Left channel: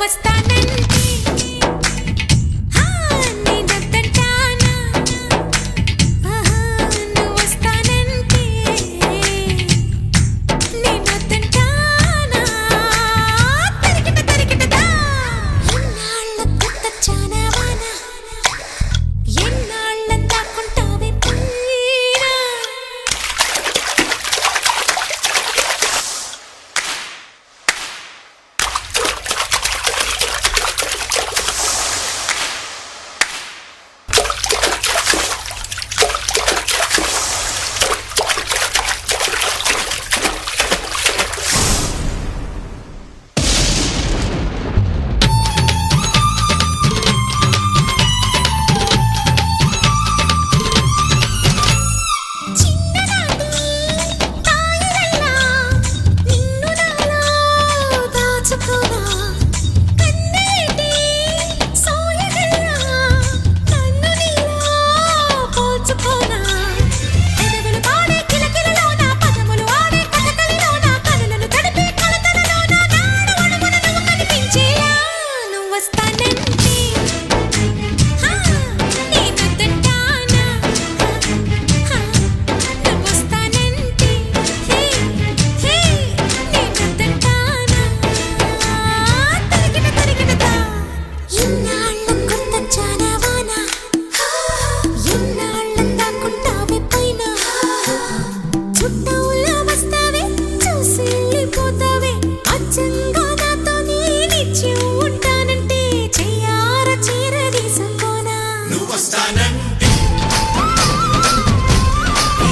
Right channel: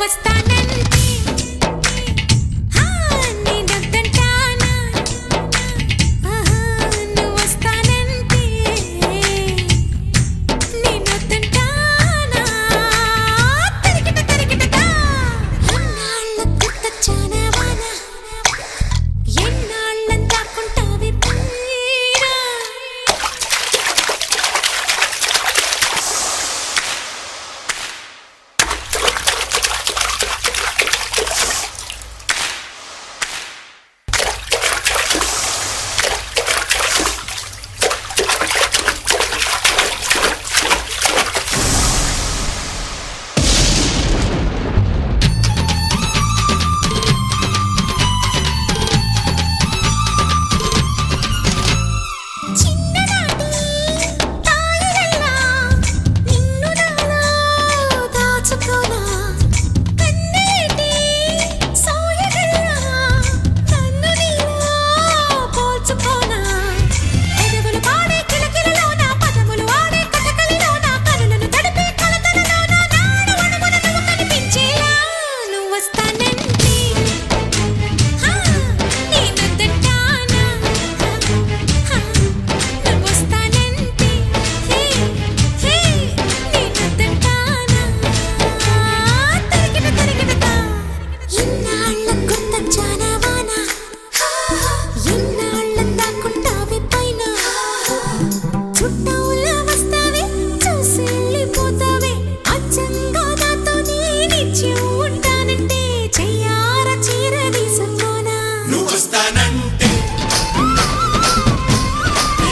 was time. to go now.